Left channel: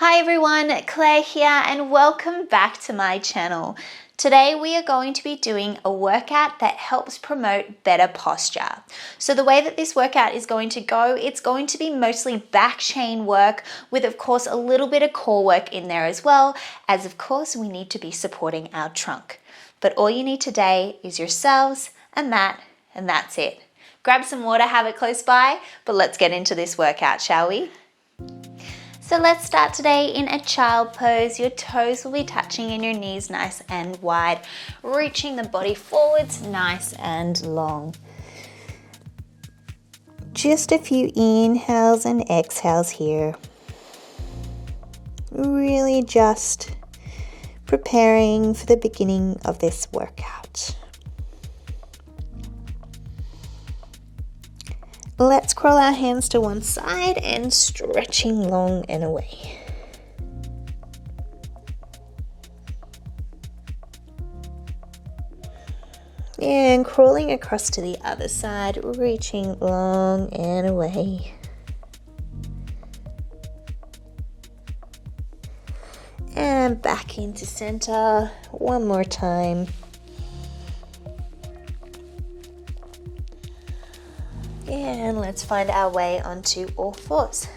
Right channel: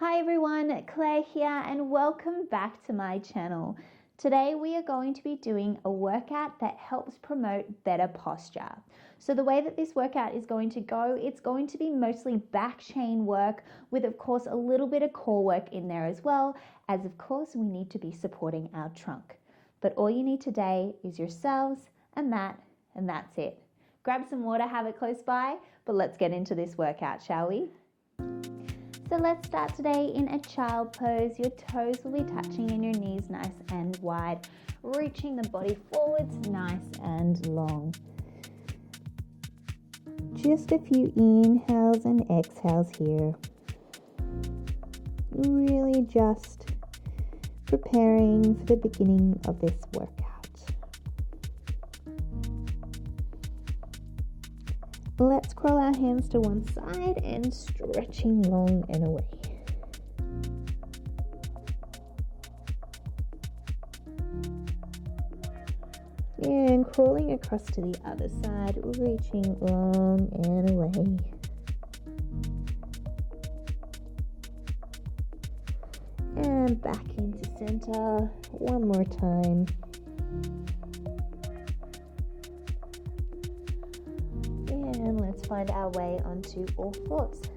Hi everyone, Claire here and welcome back to my channel. Today we are going to be doing a workout that helps promote better posture. So the way that this workout is going to go, it's going to be mostly back chain work with of course a little bit of core work in there as well, as of course we need to be supporting our trunk. But all you need today is yourselves, a mat, and that's it. Grab some water, have it close by, but let's get into this workout, shall we? So let's start today in a child pose. Your toes will be touching and your knees nice and wide, reaching the body forwards nice and long. Just a few inhales and exhales here. Really just preparing for the beginning of this workout. Let's crawl our hands to one side and stretching long and away. And crawling across to the other side, reaching long and away. And back into center one more time. And let's find our way onto all fours.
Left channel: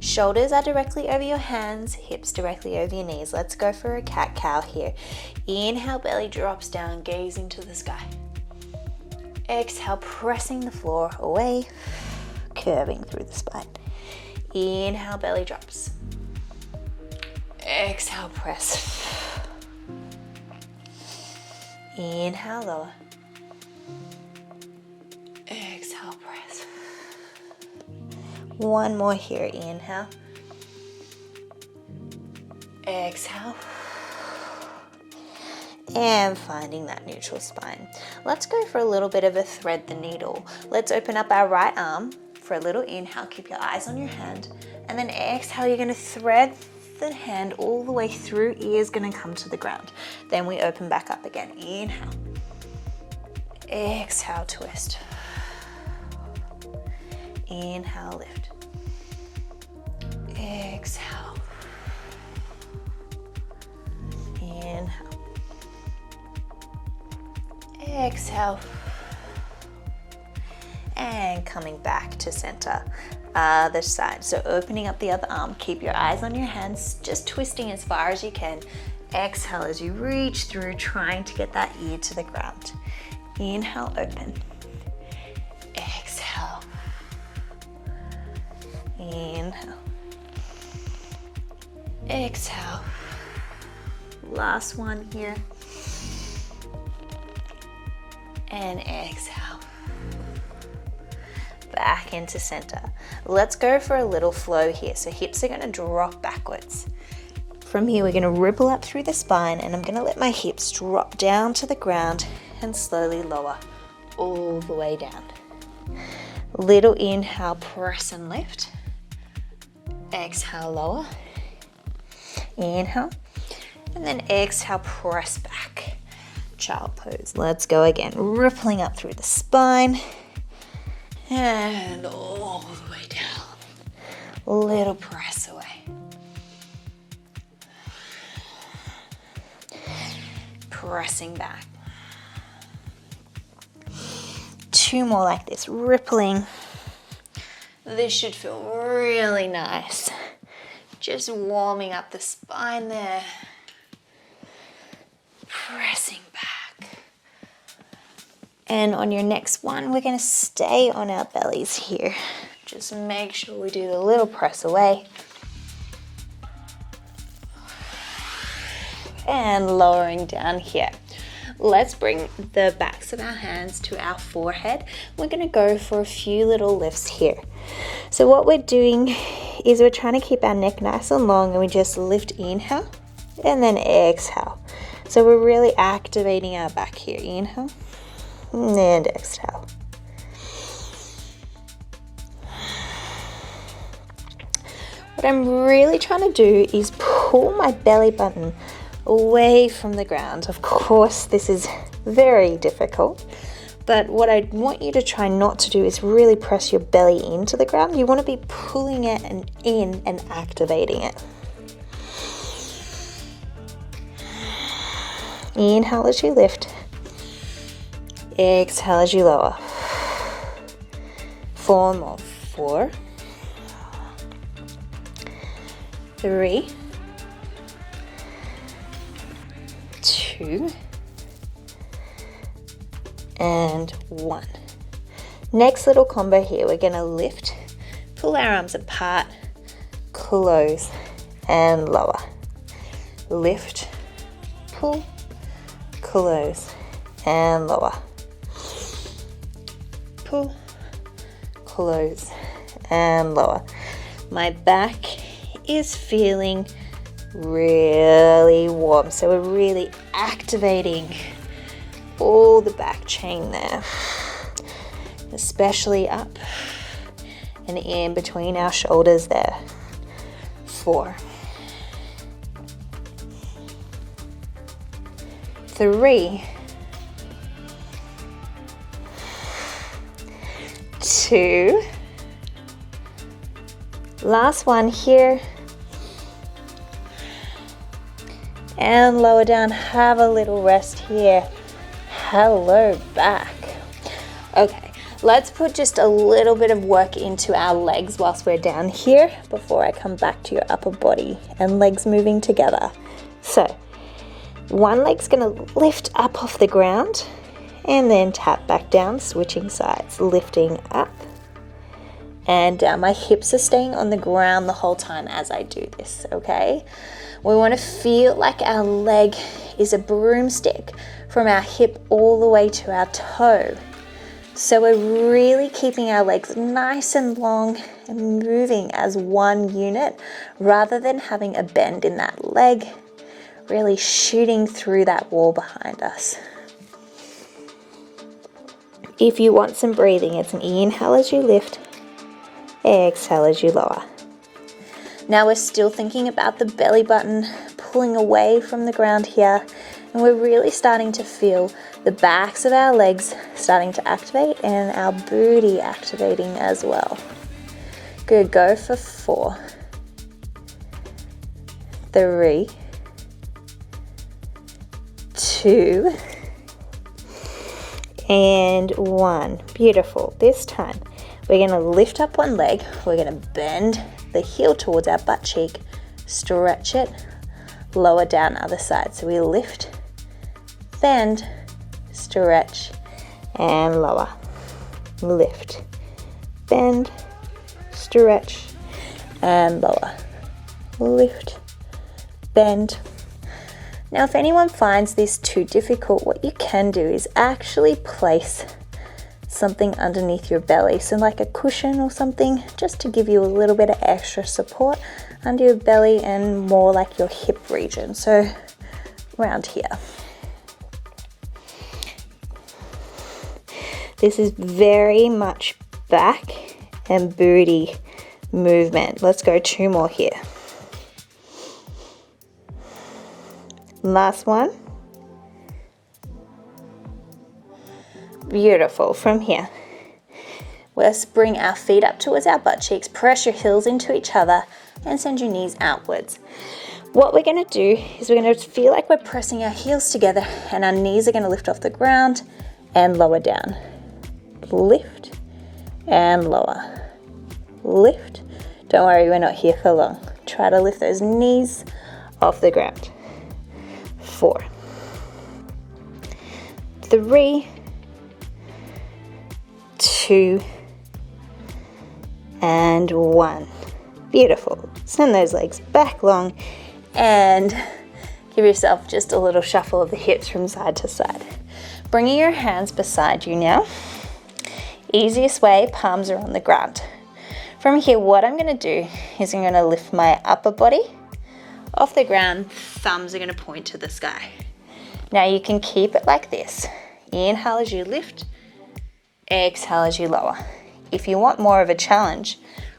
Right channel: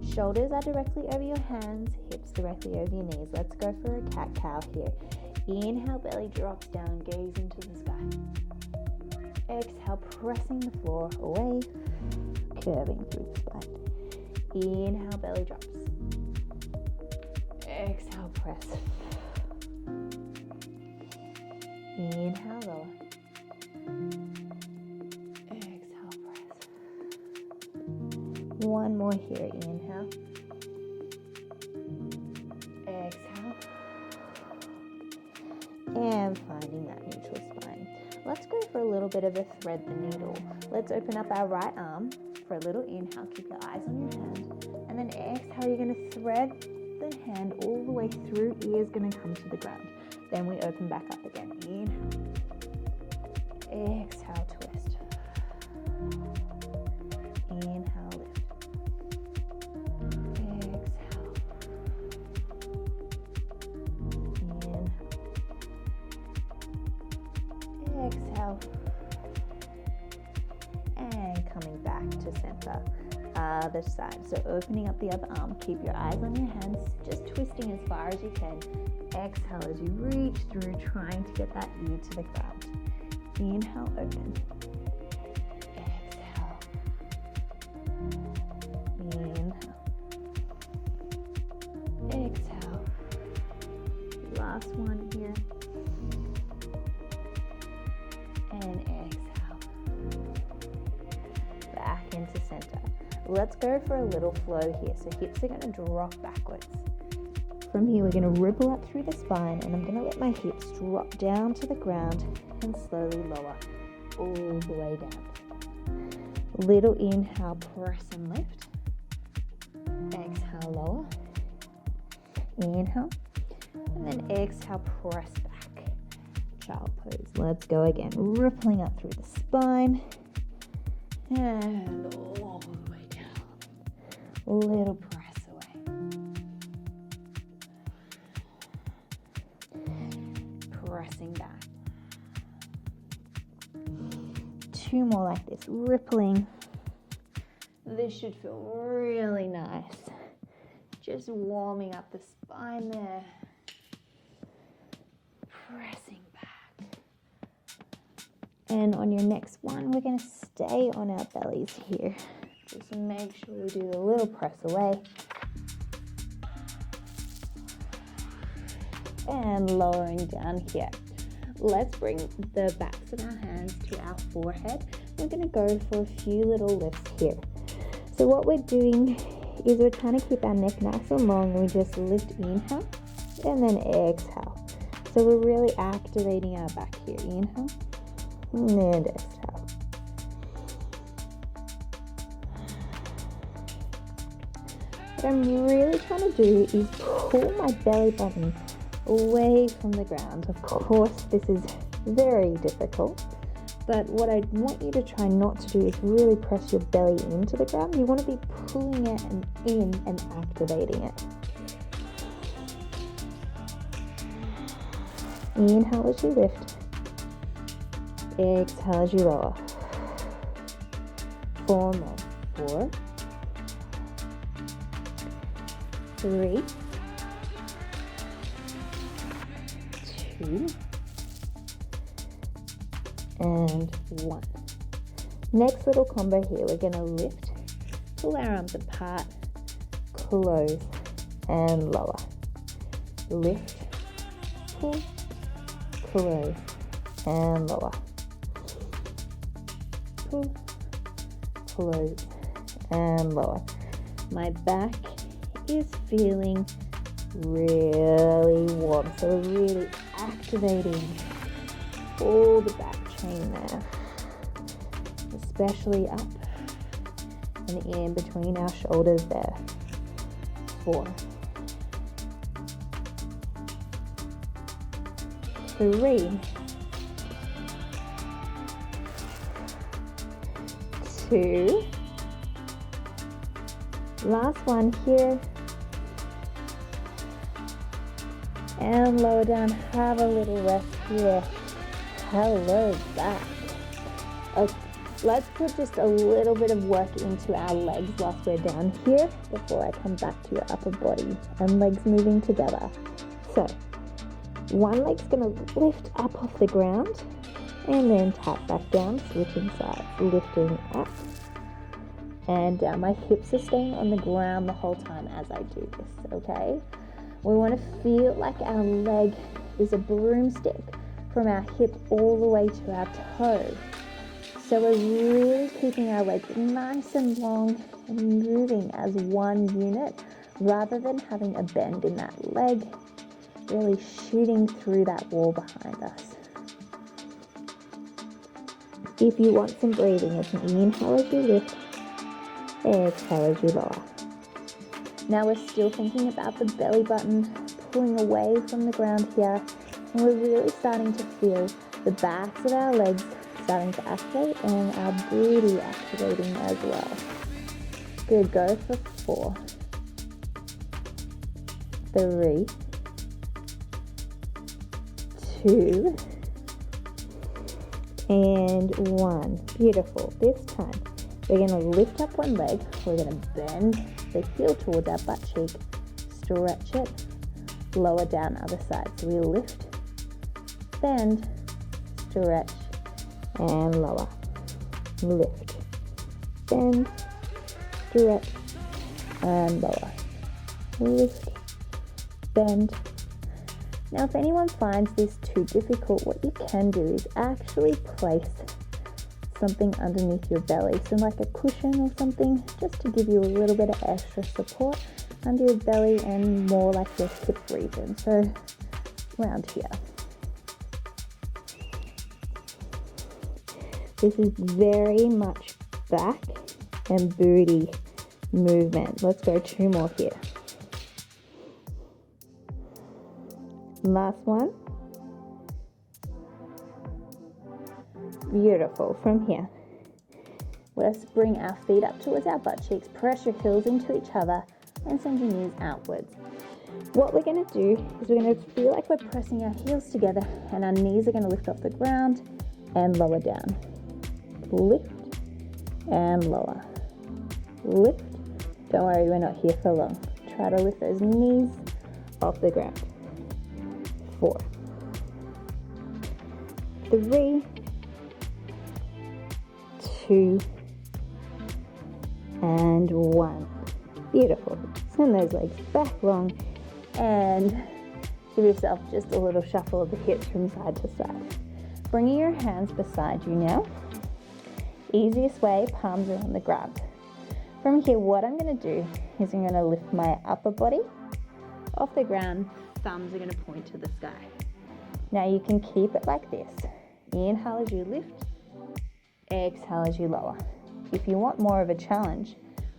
Shoulders are directly over your hands, hips directly over your knees. Let's go for a cat-cow here. Inhale, belly drops down, gazing to the sky. Exhale, pressing the floor away, curving through the spine. Inhale, belly drops. Exhale, press. Inhale, lower. One more here, inhale, exhale, and finding that neutral spine. Let's go for a little bit of a thread the needle. Let's open up our right arm for a little inhale, keep your eyes on your hand, and then exhale, you're gonna thread the hand all the way through, ear's gonna come to the ground. Then we open back up again, inhale, exhale, twist, inhale, lift. Exhale. Inhale. Exhale. And coming back to center. Other side. So opening up the other arm. Keep your eyes on your hands, just twisting as far as you can. Exhale as you reach through, trying to get that ear to the ground. Inhale, open. Exhale. Inhale. Exhale. Last one here. And exhale. Back into center. Let's go for a little flow here. So hips are going to drop backwards. From here, we're going to ripple up through the spine, and I'm going to let my hips drop down to the ground and slowly lower all the way down. Little inhale, press and lift. Exhale, lower. Inhale, and then exhale, press back. Child pose. Let's go again. Rippling up through the spine and all the way down. Little press away. Pressing back. Two more like this, rippling. This should feel really nice. Just warming up the spine there. Pressing back. And on your next one, we're going to stay on our bellies here. Just make sure we do the little press away. And lowering down here. Let's bring the backs of our hands to our forehead. We're going to go for a few little lifts here. So what we're doing is we're trying to keep our neck nice and long, and we just lift, inhale, and then exhale. So we're really activating our back here. Inhale, and exhale. What I'm really trying to do is pull my belly button away from the ground. Of course, this is very difficult, But what I want you to try not to do is really press your belly into the ground. You want to be pulling it in and activating it. Inhale as you lift. Exhale as you lower. 4 more. 4, 3, 2, and 1. Next little combo here, we're going to lift, pull our arms apart, close, and lower. Lift, pull, close, and lower. Pull, close, and lower. My back is feeling really warm, so we're really activating all the back chain there, especially up and in between our shoulders there. 4, 3, 2, last one here, and lower down. Have a little rest here. Hello back. Okay, let's put just a little bit of work into our legs whilst we're down here before I come back to your upper body and legs moving together. So one leg's going to lift up off the ground and then tap back down, switching sides, lifting up and down. My hips are staying on the ground the whole time as I do this, okay? We want to feel like our leg is a broomstick from our hip all the way to our toe. So we're really keeping our legs nice and long and moving as one unit rather than having a bend in that leg, really shooting through that wall behind us. If you want some breathing, it's an inhale as you lift, exhale as you lower. Now we're still thinking about the belly button pulling away from the ground here, and we're really starting to feel the backs of our legs starting to activate and our booty activating as well. Good, go for 4, 3, 2, and 1. Beautiful. This time we're going to lift up one leg, we're going to bend the heel towards our butt cheek, stretch it, lower down other side. So we lift, bend, stretch, and lower. Lift, bend, stretch, and lower. Lift, bend. Now if anyone finds this too difficult, what you can do is actually place something underneath your belly, so like a cushion or something, just to give you a little bit of extra support under your belly and more like your hip region, so around here. This is very much back and booty movement. Let's go 2 more here. Last one. Beautiful. From here, let's bring our feet up towards our butt cheeks, press your heels into each other and send your knees outwards. What we're going to do is we're going to feel like we're pressing our heels together and our knees are going to lift off the ground and lower down. Lift and lower. Lift. Don't worry, we're not here for long. Try to lift those knees off the ground. 4, 3, 2, and 1. Beautiful. Send those legs back long and give yourself just a little shuffle of the hips from side to side. Bringing your hands beside you now. Easiest way, palms are on the ground. From here, what I'm going to do is I'm going to lift my upper body off the ground. Thumbs are going to point to the sky. Now you can keep it like this. Inhale as you lift, exhale as you lower. If you want more of a challenge,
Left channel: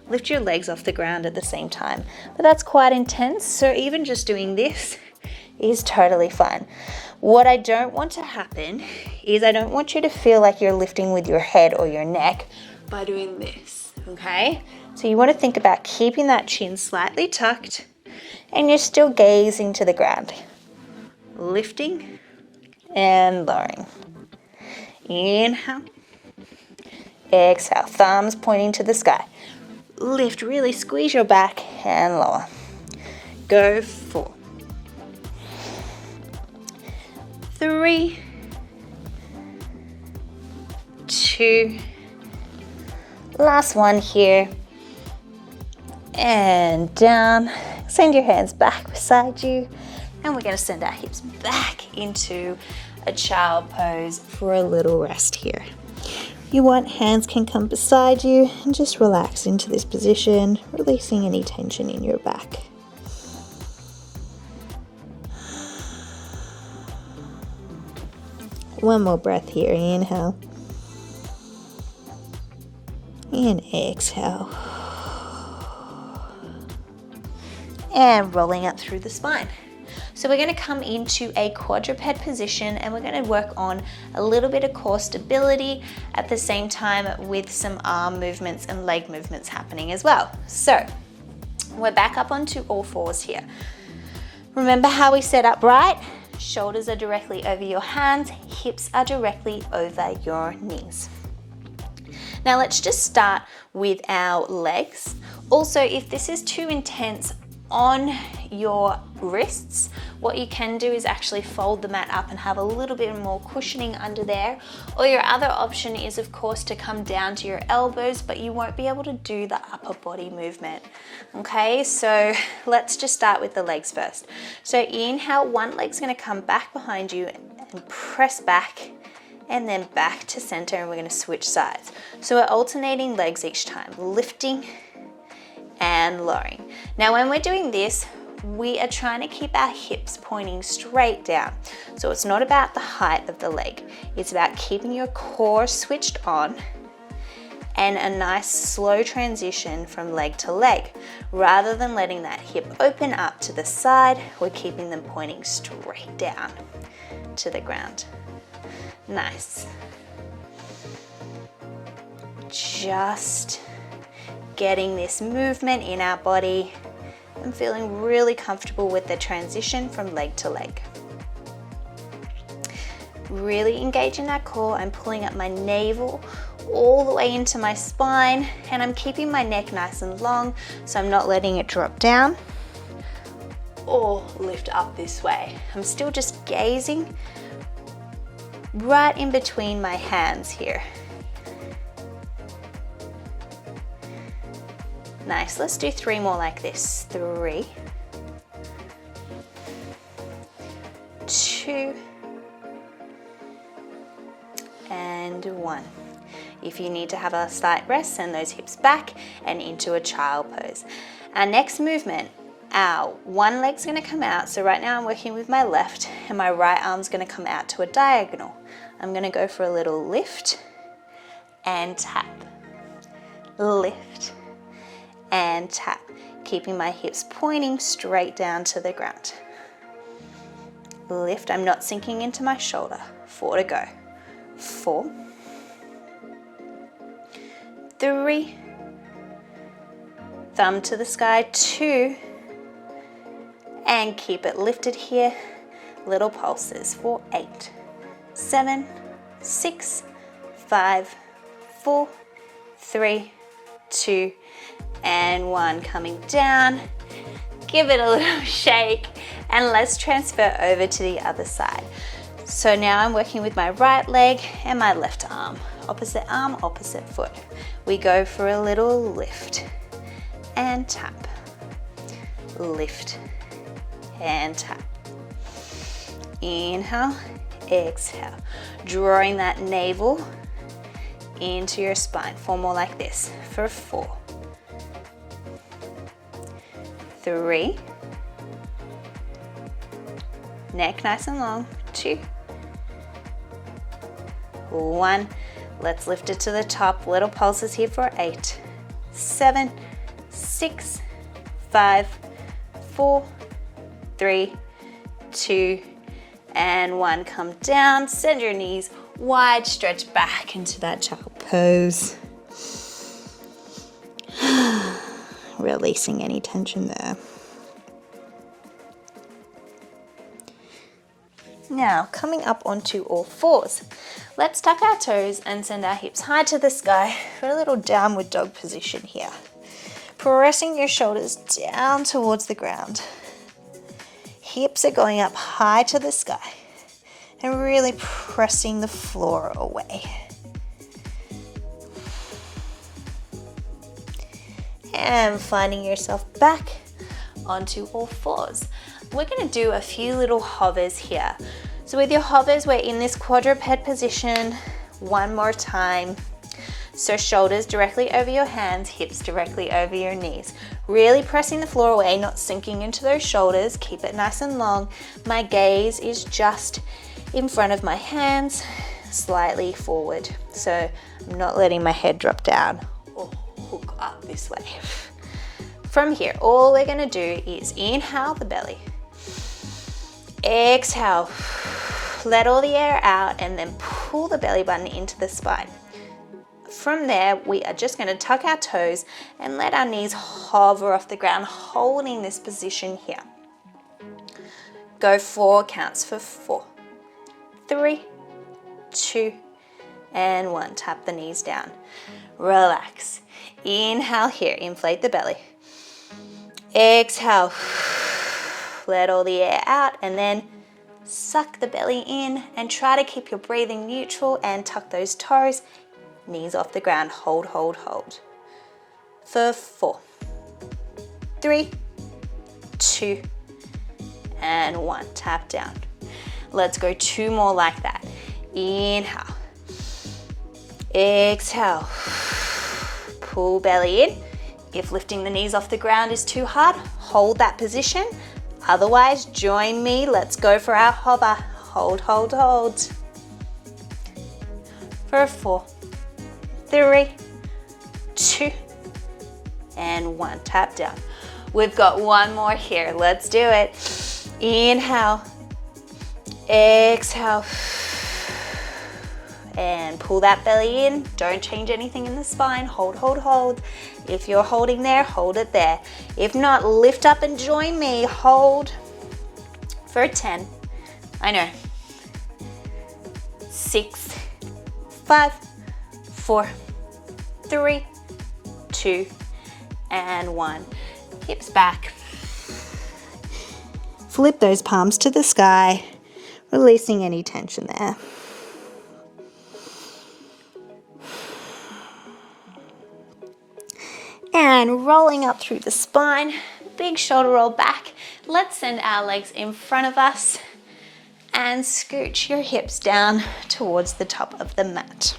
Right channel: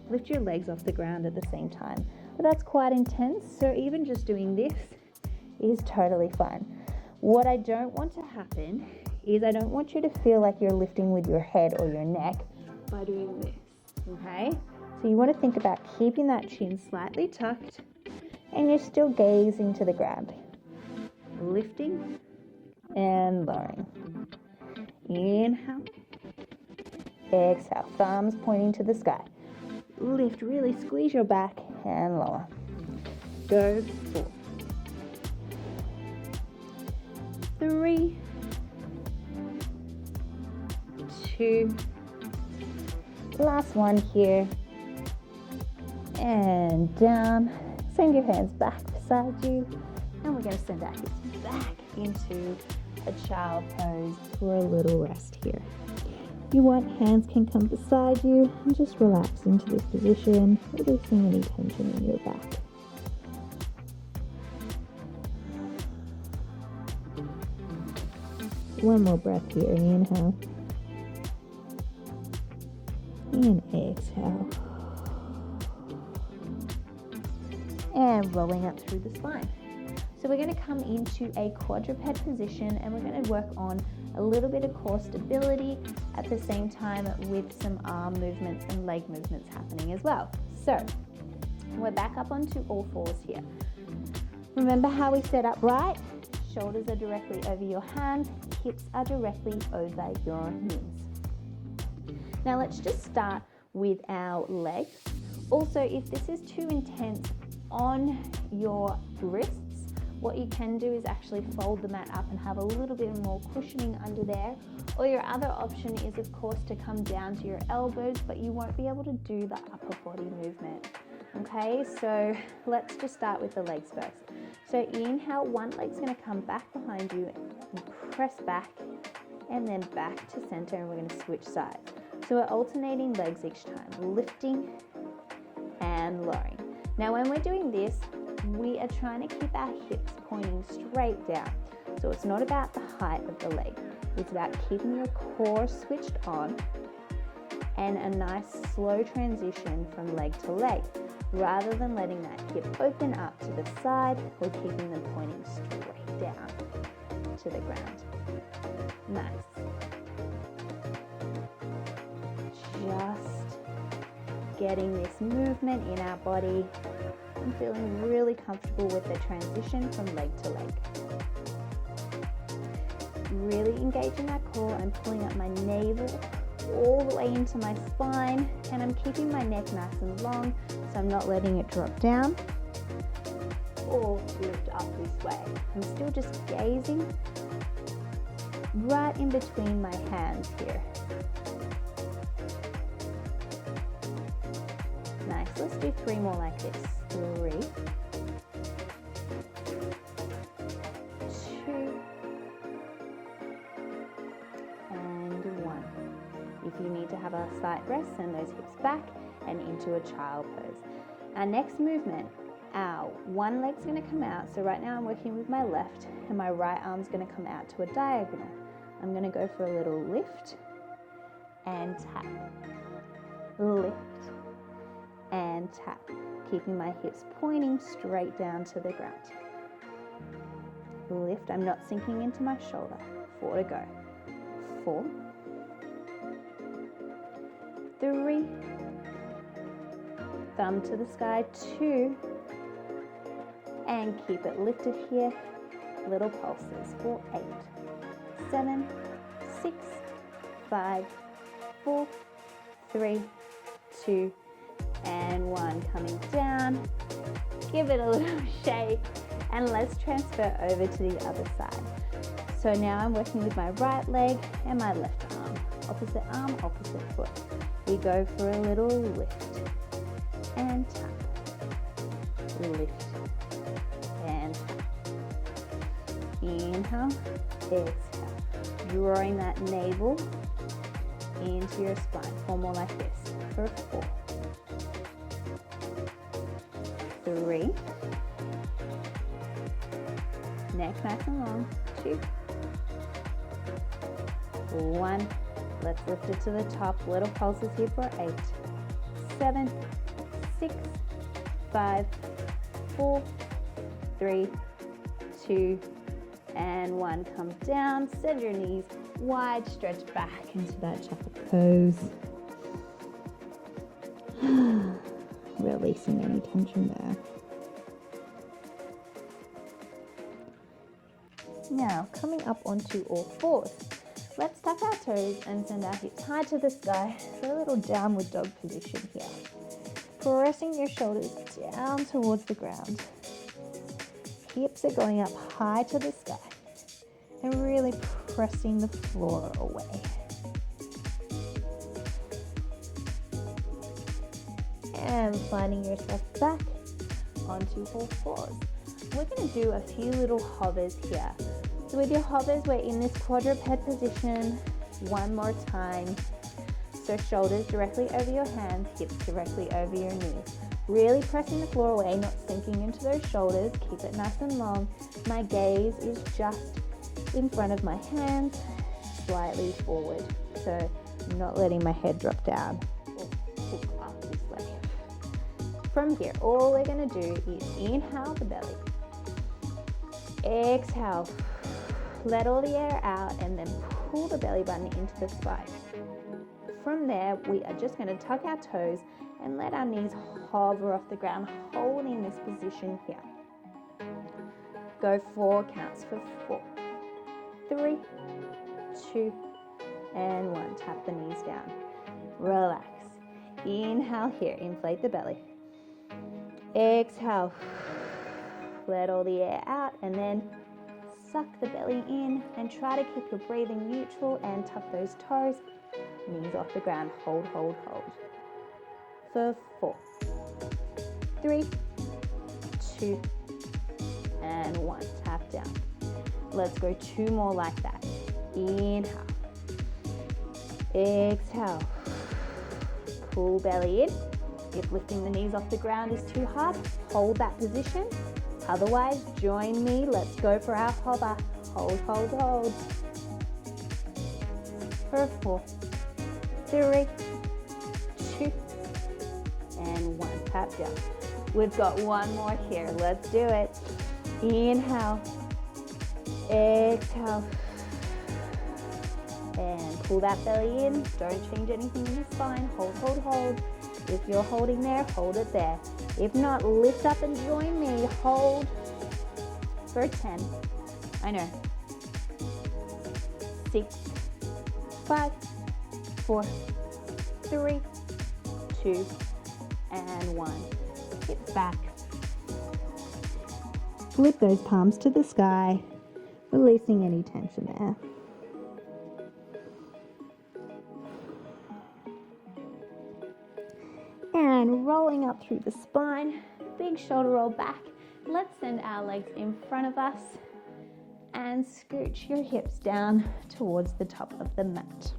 lift your legs off the ground at the same time. But that's quite intense, so even just doing this is totally fine. What I don't want to happen is I don't want you to feel like you're lifting with your head or your neck by doing this, okay? So you want to think about keeping that chin slightly tucked and you're still gazing to the ground. Lifting, and lowering. Inhale, exhale, thumbs pointing to the sky. Lift, really squeeze your back and lower. Go 4, 3, 2, last one here, and down. Send your hands back beside you, and we're going to send our hips back into a child pose for a little rest here. If you want, hands can come beside you and just relax into this position, releasing any tension in your back. One more breath here. Inhale. And exhale. And rolling up through the spine. So we're going to come into a quadruped position, and we're going to work on a little bit of core stability at the same time with some arm movements and leg movements happening as well. So we're back up onto all fours here. Remember how we set up, right? Shoulders are directly over your hands, hips are directly over your knees. Now let's just start with our legs. Also, if this is too intense on your wrists, what you can do is actually fold the mat up and have a little bit more cushioning under there. Or your other option is, of course, to come down to your elbows, but you won't be able to do the upper body movement. Okay, so let's just start with the legs first. So inhale, one leg's gonna come back behind you and press back, and then back to center, and we're gonna switch sides. So we're alternating legs each time, lifting and lowering. Now when we're doing this, we are trying to keep our hips pointing straight down. So it's not about the height of the leg, it's about keeping your core switched on and a nice slow transition from leg to leg. Rather than letting that hip open up to the side, we're keeping them pointing straight down to the ground. Nice. Just getting this movement in our body. I'm feeling really comfortable with the transition from leg to leg. Really engaging that core. I'm pulling up my navel all the way into my spine, and I'm keeping my neck nice and long, so I'm not letting it drop down or lift up this way. I'm still just gazing right in between my hands here. Nice, let's do 3 more like this. 3, 2, and 1. If you need to have a slight rest, send those hips back and into a child pose. Our next movement, our one leg's gonna come out. So right now I'm working with my left, and my right arm's gonna come out to a diagonal. I'm gonna go for a little lift and tap. Lift and tap, keeping my hips pointing straight down to the ground. Lift, I'm not sinking into my shoulder. 4 to go. 4, 3, thumb to the sky, 2, and keep it lifted here. Little pulses for 8, 7, 6, 5, 4, 3, 2, and 1. Coming down, give it a little shake, and let's transfer over to the other side. So now I'm working with my right leg and my left arm, opposite foot. We go for a little lift and tap, lift and tap. Inhale, exhale, drawing that navel into your spine. 4 more like this for 4, 3, neck nice and long, 2, 1. Let's lift it to the top. Little pulses here for 8, 7, 6, 5, 4, 3, 2, and 1. Come down, send your knees wide, stretch back into that child pose. Releasing any tension there. Now, coming up onto all fours. Let's tuck our toes and send our hips high to the sky for a little downward dog position here. Pressing your shoulders down towards the ground. Hips are going up high to the sky and really pressing the floor away. And finding yourself back onto all fours. We're going to do a few little hovers here. So with your hovers, we're in this quadruped position one more time. So shoulders directly over your hands, hips directly over your knees. Really pressing the floor away, not sinking into those shoulders. Keep it nice and long. My gaze is just in front of my hands, slightly forward. So I'm not letting my head drop down or hook up this way. From here, all we're gonna do is inhale the belly. Exhale, let all the air out and then pull the belly button into the spine. From there, we are just gonna tuck our toes and let our knees hover off the ground, holding this position here. Go 4 counts for 4, 3, 2, and 1. Tap the knees down. Relax. Inhale here, inflate the belly. Exhale, let all the air out and then suck the belly in and try to keep your breathing neutral and tuck those toes, knees off the ground, hold, hold, hold. For 4, 3, 2, and 1. Tap down. Let's go 2 more like that. Inhale, exhale, pull belly in. If lifting the knees off the ground is too hard, hold that position. Otherwise, join me. Let's go for our hover. Hold, hold, hold. For 4, 3, 2, and 1. Tap down. We've got 1 more here. Let's do it. Inhale, exhale, and pull that belly in. Don't change anything in the spine. Hold, hold, hold. If you're holding there, hold it there. If not, lift up and join me. Hold for 10. I know. 6, 5, 4, 3, 2, and 1. Hips back. Flip those palms to the sky, releasing any tension there. And rolling up through the spine, big shoulder roll back. Let's send our legs in front of us and scooch your hips down towards the top of the mat.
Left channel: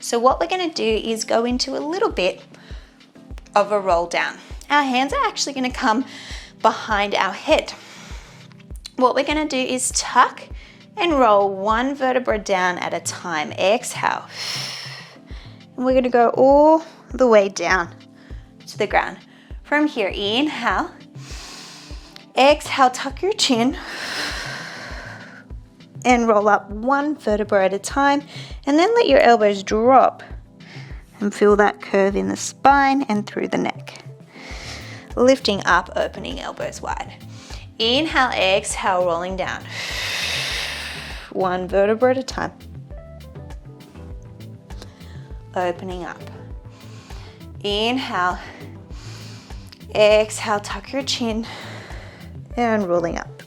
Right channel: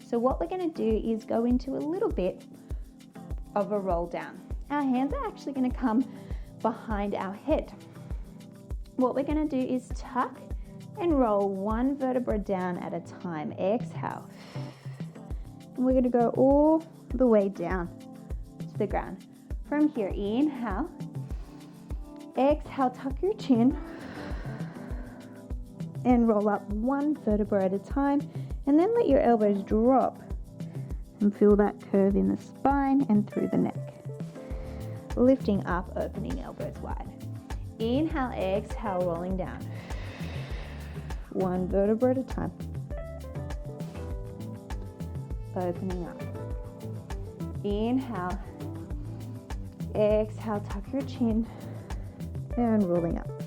So what we're gonna do is go into a little bit of a roll down. Our hands are actually gonna come behind our head. What we're gonna do is tuck and roll 1 vertebra down at a time. Exhale. And we're gonna go all the way down to the ground. From here, inhale. Exhale, tuck your chin and roll up 1 vertebra at a time, and then let your elbows drop and feel that curve in the spine and through the neck. Lifting up, opening elbows wide. Inhale, exhale, rolling down. 1 vertebra at a time. Opening up. Inhale, exhale, tuck your chin and rolling up.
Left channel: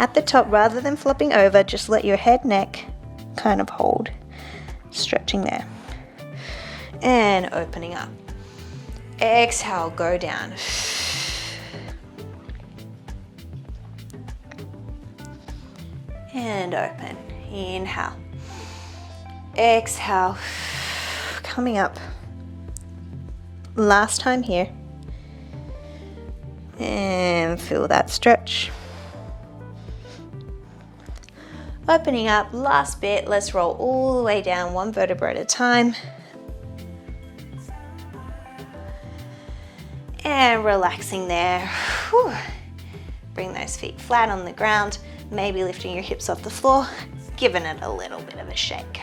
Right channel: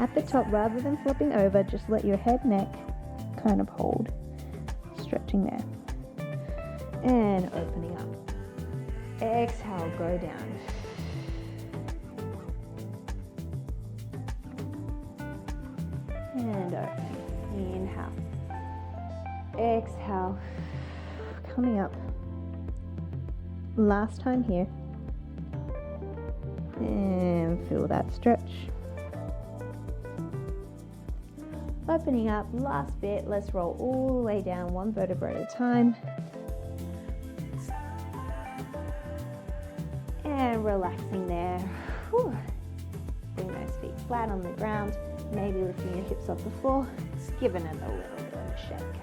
At the top, rather than flopping over, just let your head, neck kind of hold, stretching there. And opening up. Exhale, go down. And open. Inhale. Exhale. Coming up. Last time here. And feel that stretch. Opening up, last bit. Let's roll all the way down, 1 vertebra at a time. And relaxing there. Whew. Bring those feet flat on the ground, maybe lifting your hips off the floor, giving it a little bit of a shake.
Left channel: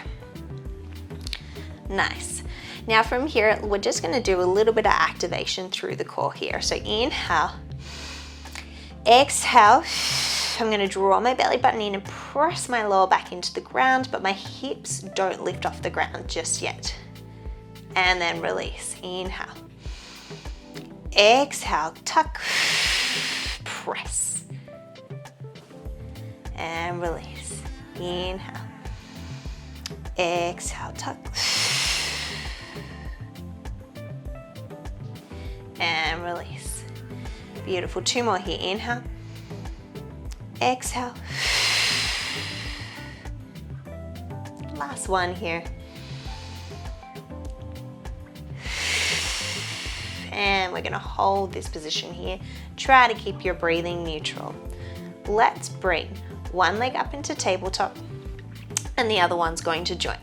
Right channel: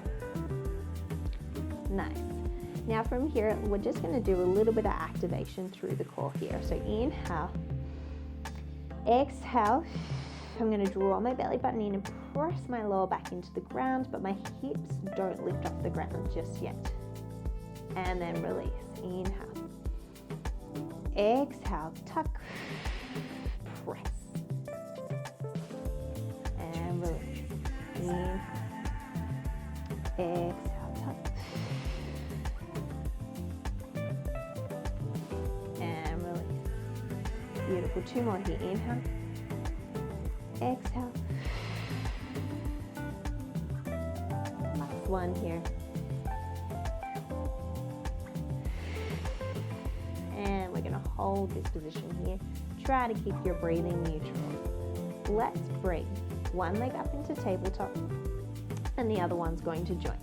Nice. Now from here, we're just gonna do a little bit of activation through the core here. So inhale, exhale, I'm going to draw my belly button in and press my lower back into the ground, but my hips don't lift off the ground just yet. And then release. Inhale. Exhale, tuck, press. And release. Inhale. Exhale, tuck. And release. Beautiful. 2 more here. Inhale. Exhale. Last one here. And we're going to hold this position here. Try to keep your breathing neutral. Let's bring one leg up into tabletop and the other one's going to join.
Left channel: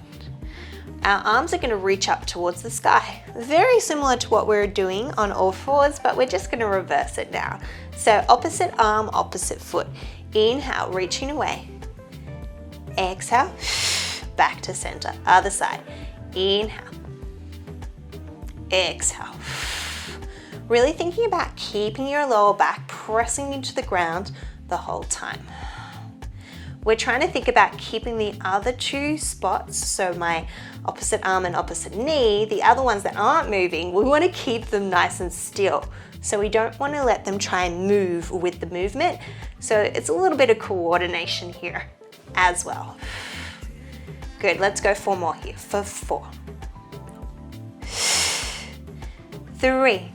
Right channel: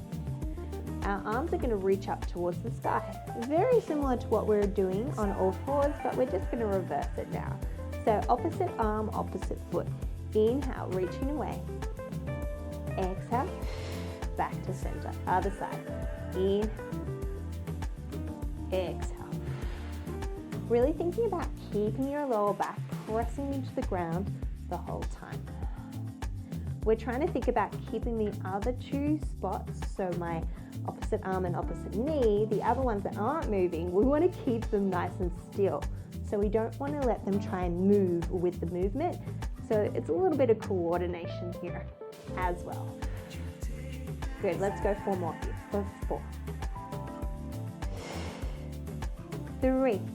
Our arms are going to reach up towards the sky. Very similar to what we're doing on all fours, but we're just going to reverse it now. So opposite arm, opposite foot. Inhale, reaching away. Exhale, back to center. Other side. Inhale. Exhale. Really thinking about keeping your lower back pressing into the ground the whole time. We're trying to think about keeping the other 2 spots, so my opposite arm and opposite knee, the other ones that aren't moving, we want to keep them nice and still. So we don't want to let them try and move with the movement. So it's a little bit of coordination here as well. Good, let's go 4 more here for 4. 3.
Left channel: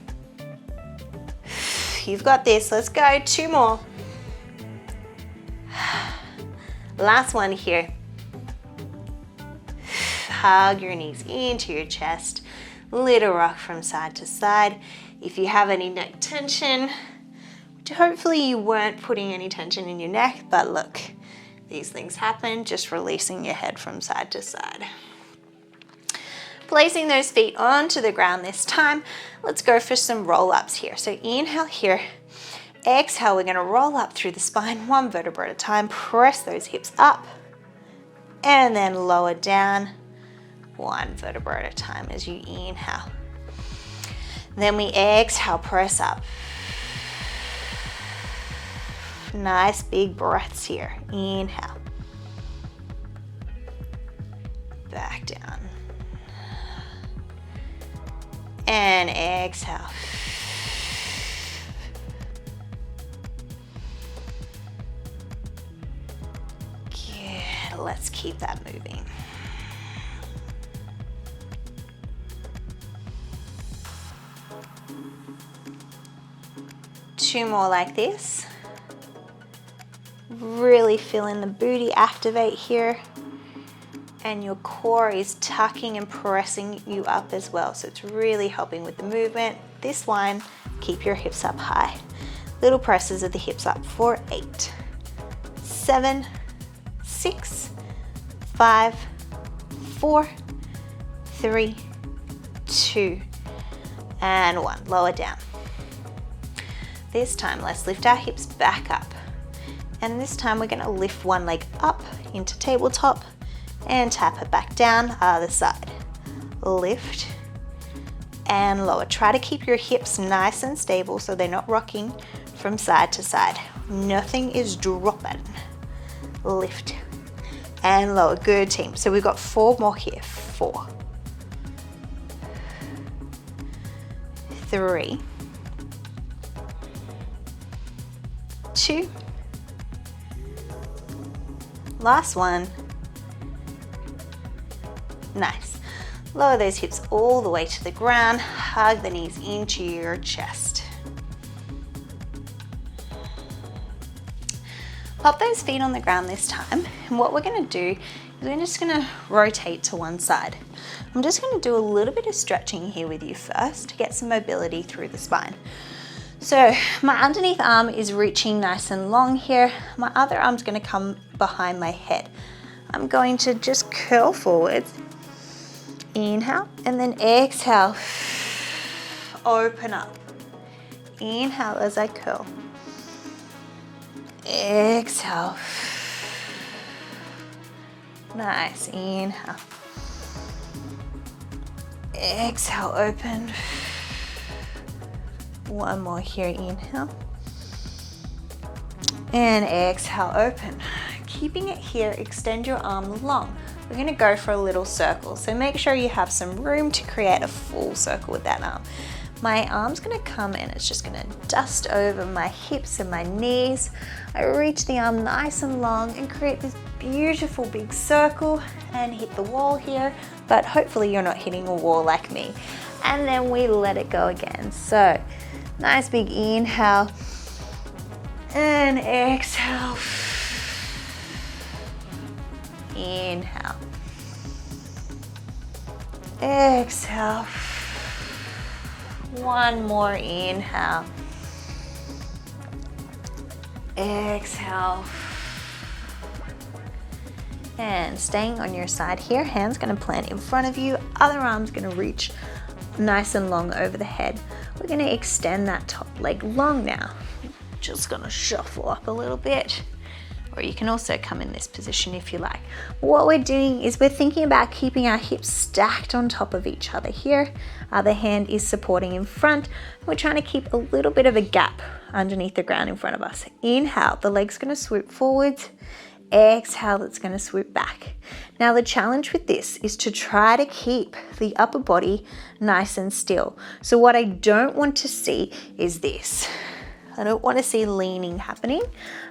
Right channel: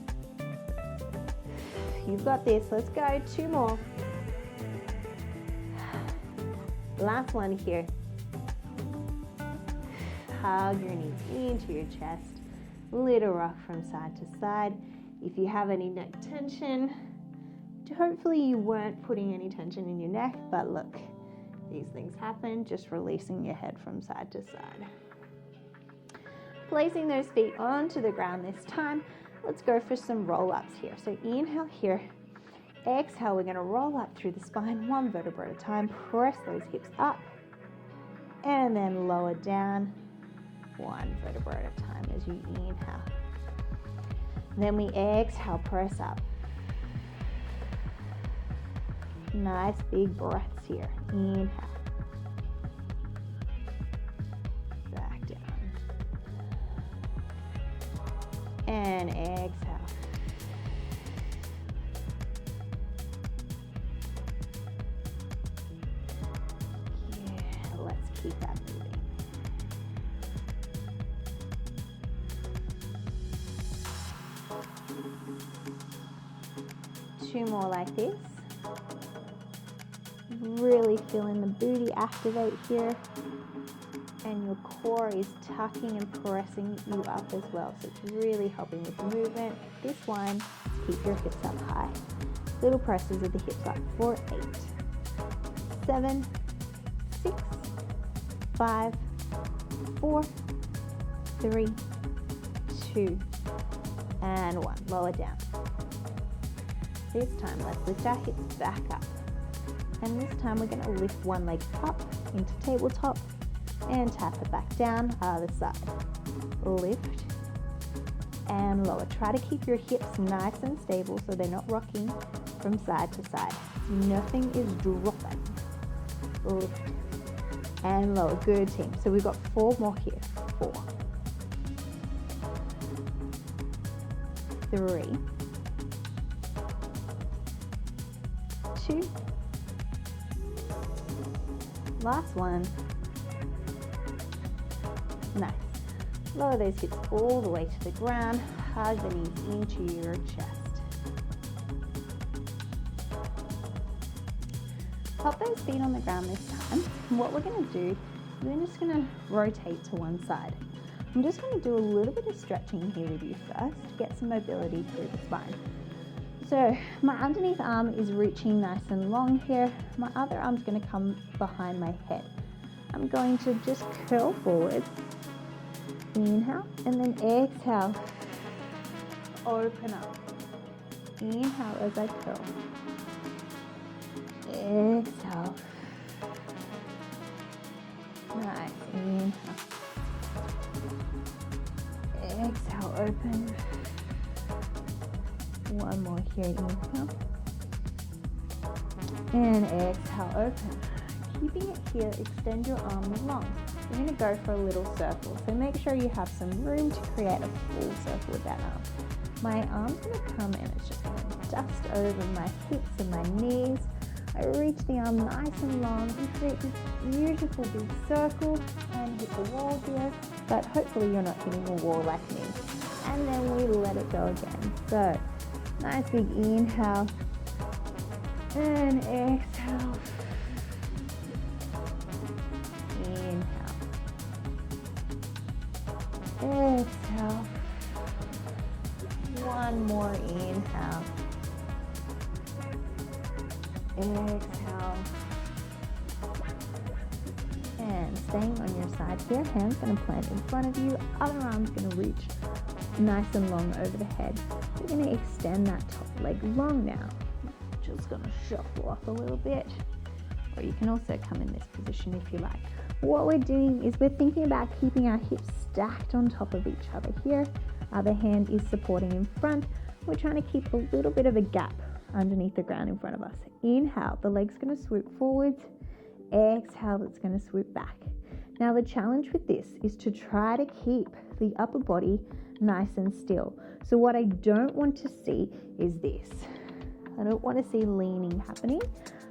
You've got this, let's go, 2 more. Last one here. Hug your knees into your chest. Little rock from side to side. If you have any neck tension, hopefully you weren't putting any tension in your neck, but look, these things happen, just releasing your head from side to side. Placing those feet onto the ground this time, let's go for some roll-ups here. So inhale here. Exhale, we're going to roll up through the spine, 1 vertebra at a time. Press those hips up and then lower down, 1 vertebra at a time as you inhale. Then we exhale, press up. Nice big breaths here. Inhale. Back down. And exhale. Let's keep that moving. Two more like this. Really feeling the booty activate here. And your core is tucking and pressing you up as well. So it's really helping with the movement. This one, keep your hips up high. Little presses of the hips up for 8, 7, 6, 5, 4, 3, 2, and 1. Lower down. This time, let's lift our hips back up. And this time, we're going to lift one leg up into tabletop and tap it back down, other side. Lift and lower. Try to keep your hips nice and stable so they're not rocking from side to side. Nothing is dropping. Lift and lower. Good, team. So we've got 4 more here. 4, 3, 2, last one. Nice. Lower those hips all the way to the ground. Hug the knees into your chest. Pop those feet on the ground this time. And what we're going to do is we're just going to rotate to one side. I'm just going to do a little bit of stretching here with you first to get some mobility through the spine. So my underneath arm is reaching nice and long here. My other arm's going to come behind my head. I'm going to just curl forward. Inhale and then exhale. Open up. Inhale as I curl. Exhale. Nice. Inhale. Exhale, open. One more here. Inhale. And exhale, open. Keeping it here, extend your arm long. We're gonna go for a little circle, so make sure you have some room to create a full circle with that arm. My arm's gonna come and it's just gonna dust over my hips and my knees. I reach the arm nice and long and create this beautiful big circle and hit the wall here, but hopefully you're not hitting a wall like me. And then we let it go again. So, nice big inhale and exhale. Inhale. Exhale. One more inhale. Exhale. And staying on your side here, hands gonna plant in front of you, other arm's gonna reach nice and long over the head. We're gonna extend that top leg long now. Just gonna shuffle up a little bit. Or you can also come in this position if you like. What we're doing is we're thinking about keeping our hips stacked on top of each other here. Other hand is supporting in front. We're trying to keep a little bit of a gap underneath the ground in front of us. Inhale, the leg's gonna swoop forwards. Exhale, it's gonna swoop back. Now the challenge with this is to try to keep the upper body nice and still. So what I don't want to see is this. I don't want to see leaning happening.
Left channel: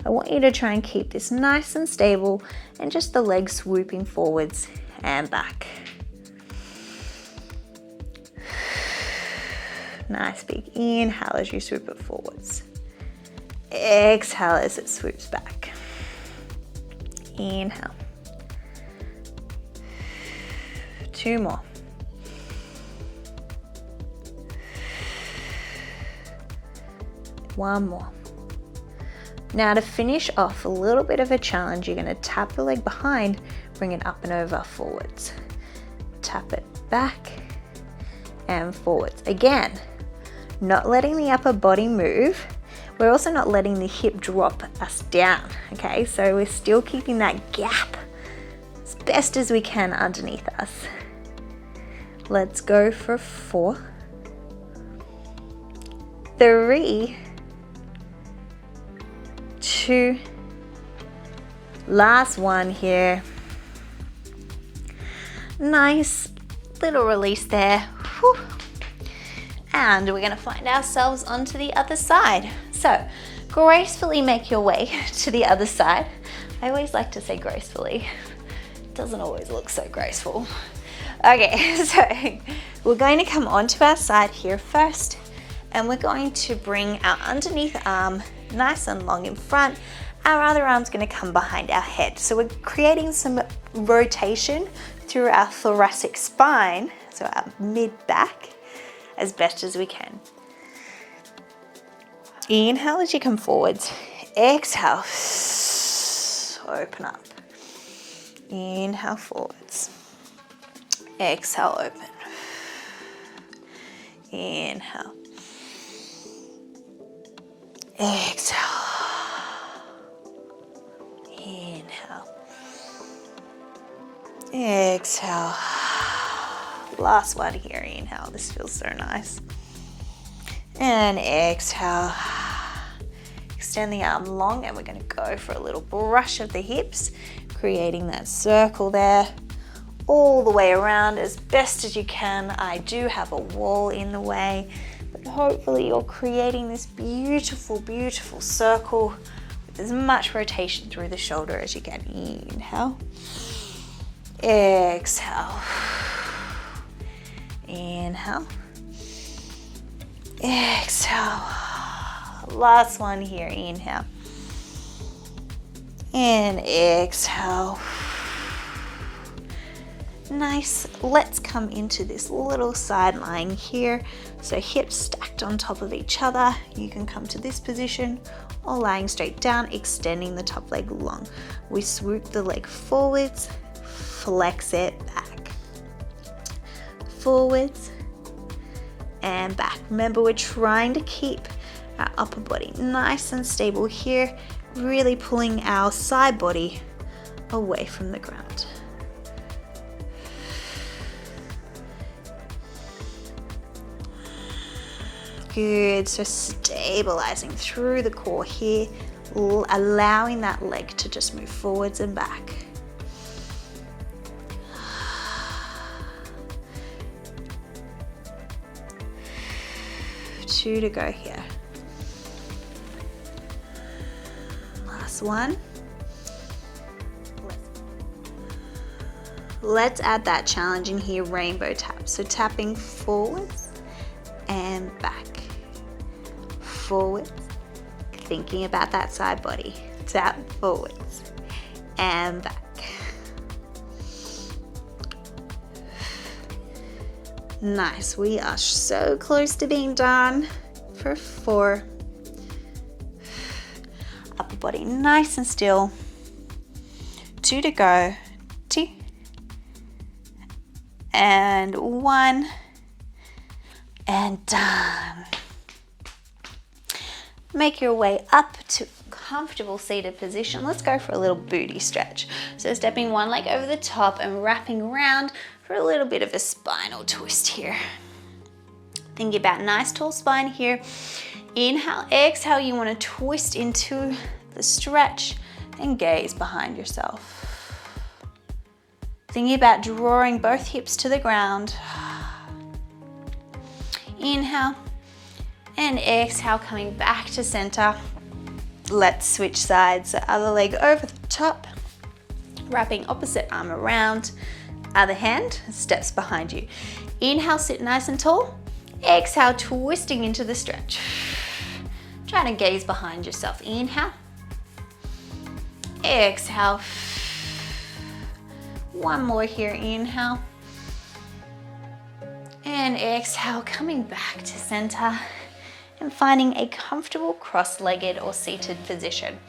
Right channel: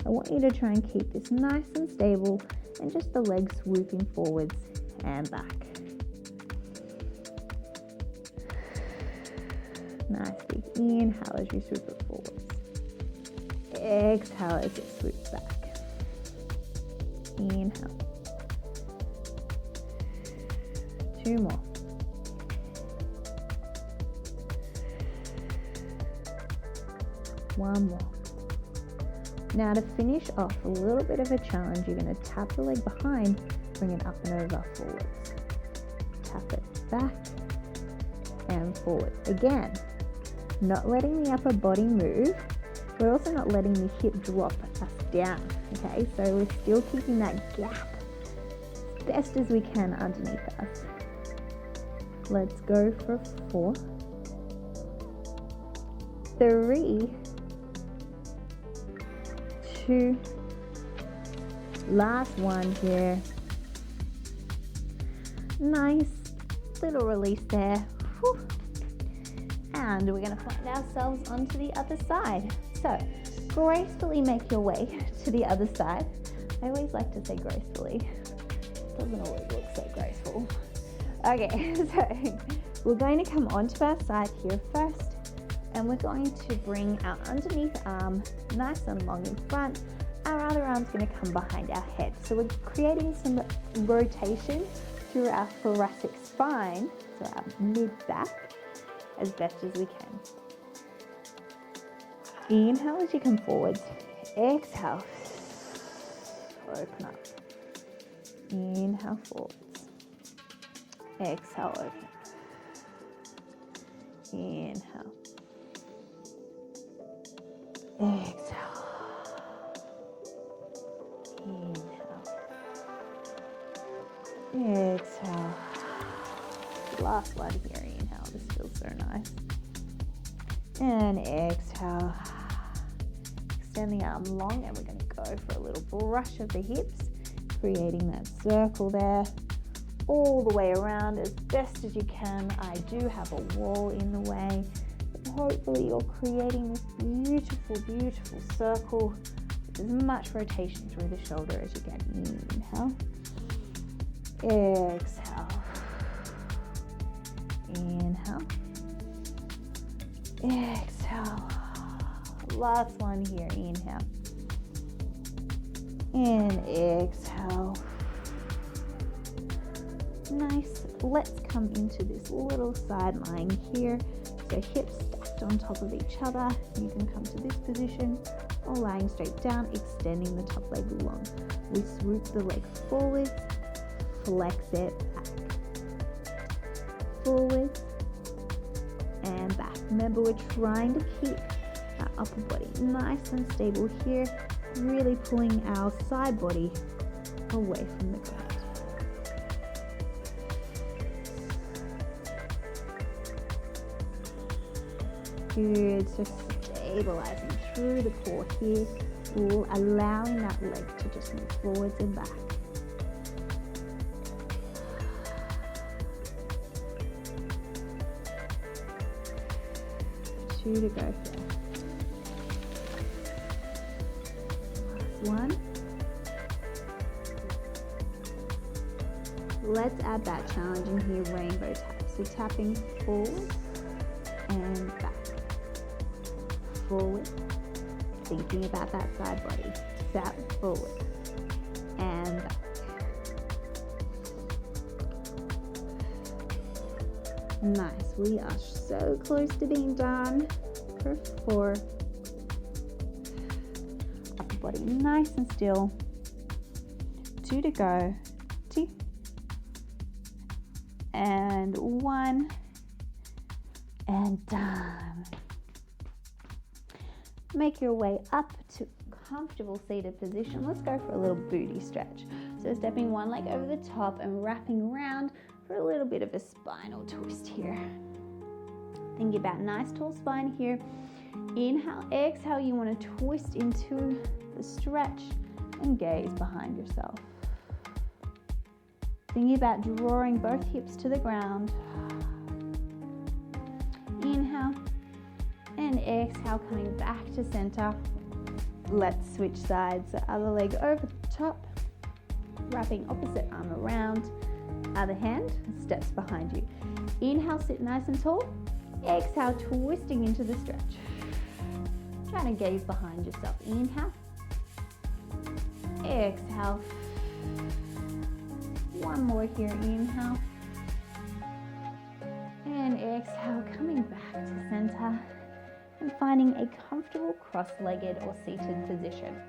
I want you to try and keep this nice and stable and just the legs swooping forwards and back. Nice big inhale as you swoop it forwards. Exhale as it swoops back. Inhale. 2 more. One more. Now to finish off, a little bit of a challenge, you're going to tap the leg behind, bring it up and over forwards. Tap it back and forwards. Again, not letting the upper body move. We're also not letting the hip drop us down, okay? So we're still keeping that gap as best as we can underneath us. Let's go for 4, 3, 2, last one here. Nice little release there. Whew. And we're going to find ourselves onto the other side. So gracefully make your way to the other side. I always like to say gracefully. It doesn't always look so graceful. Okay, so we're going to come onto our side here first, and we're going to bring our underneath arm nice and long in front. Our other arm's going to come behind our head. So we're creating some rotation through our thoracic spine, so our mid-back, as best as we can. Inhale as you come forwards. Exhale, open up. Inhale forwards. Exhale, open. Inhale. Exhale. Inhale. Exhale. Last one here, inhale. This feels so nice. And exhale. Extend the arm long, and we're going to go for a little brush of the hips, creating that circle there all the way around as best as you can. I do have a wall in the way, but hopefully you're creating this beautiful, beautiful circle with as much rotation through the shoulder as you can. Inhale. Exhale. Inhale. Exhale. Last one here, inhale. And exhale. Nice. Let's come into this little side lying here. So hips stacked on top of each other. You can come to this position or lying straight down, extending the top leg long. We swoop the leg forwards, flex it back. Forwards and back. Remember, we're trying to keep our upper body nice and stable here, really pulling our side body away from the ground. Good, so stabilizing through the core here, allowing that leg to just move forwards and back. Two to go here. Last one. Let's add that challenge in here, rainbow tap. So tapping forwards and back. Forwards, thinking about that side body. Tap forwards and back. Nice, we are so close to being done for 4. Upper body nice and still. 2 to go. 2 and 1 and done. Make your way up to comfortable seated position. Let's go for a little booty stretch. So stepping one leg over the top and wrapping around for a little bit of a spinal twist here. Thinking about nice tall spine here. Inhale, exhale, you want to twist into the stretch and gaze behind yourself. Thinking about drawing both hips to the ground. Inhale. And exhale, coming back to center. Let's switch sides. The other leg over the top, wrapping opposite arm around. Other hand steps behind you. Inhale, sit nice and tall. Exhale, twisting into the stretch. Trying to gaze behind yourself. Inhale. Exhale. One more here. Inhale. And exhale, coming back to center. And finding a comfortable cross-legged or seated position.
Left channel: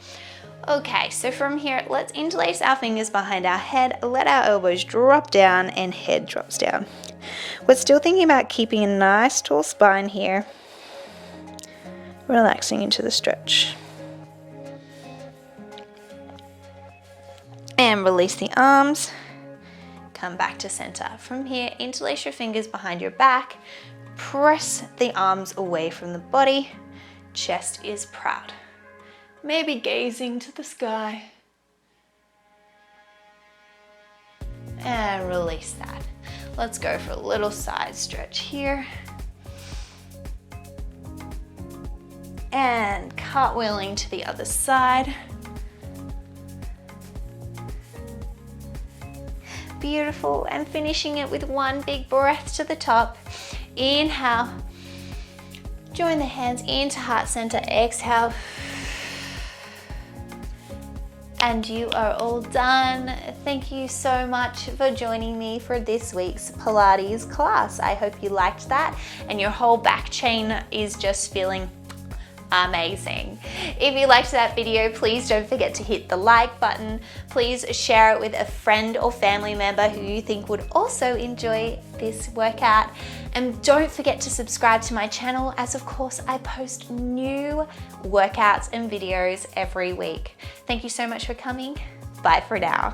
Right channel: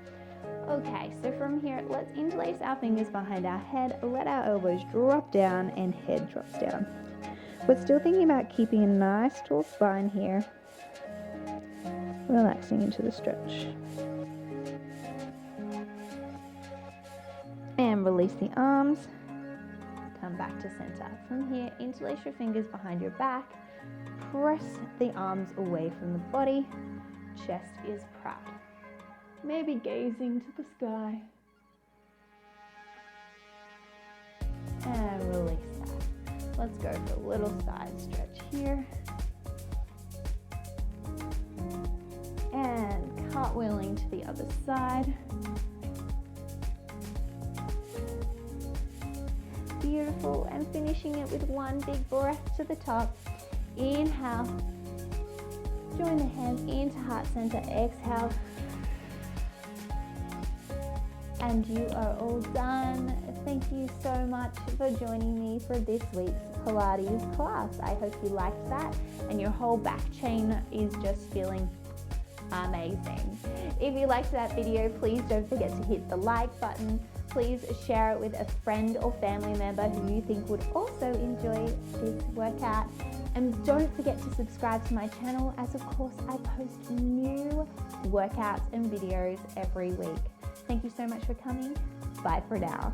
Okay, so from here, let's interlace our fingers behind our head, let our elbows drop down and head drops down. We're still thinking about keeping a nice tall spine here. Relaxing into the stretch. And release the arms. Come back to center. From here, interlace your fingers behind your back. Press the arms away from the body. Chest is proud. Maybe gazing to the sky. And release that. Let's go for a little side stretch here. And cartwheeling to the other side. Beautiful, and finishing it with one big breath to the top. Inhale, join the hands into heart center, exhale, and you are all done. Thank you so much for joining me for this week's Pilates class. I hope you liked that and your whole back chain is just feeling amazing. If you liked that video, please don't forget to hit the like button. Please share it with a friend or family member who you think would also enjoy this workout. And don't forget to subscribe to my channel, as of course I post new workouts and videos every week. Thank you so much for coming. Bye for now.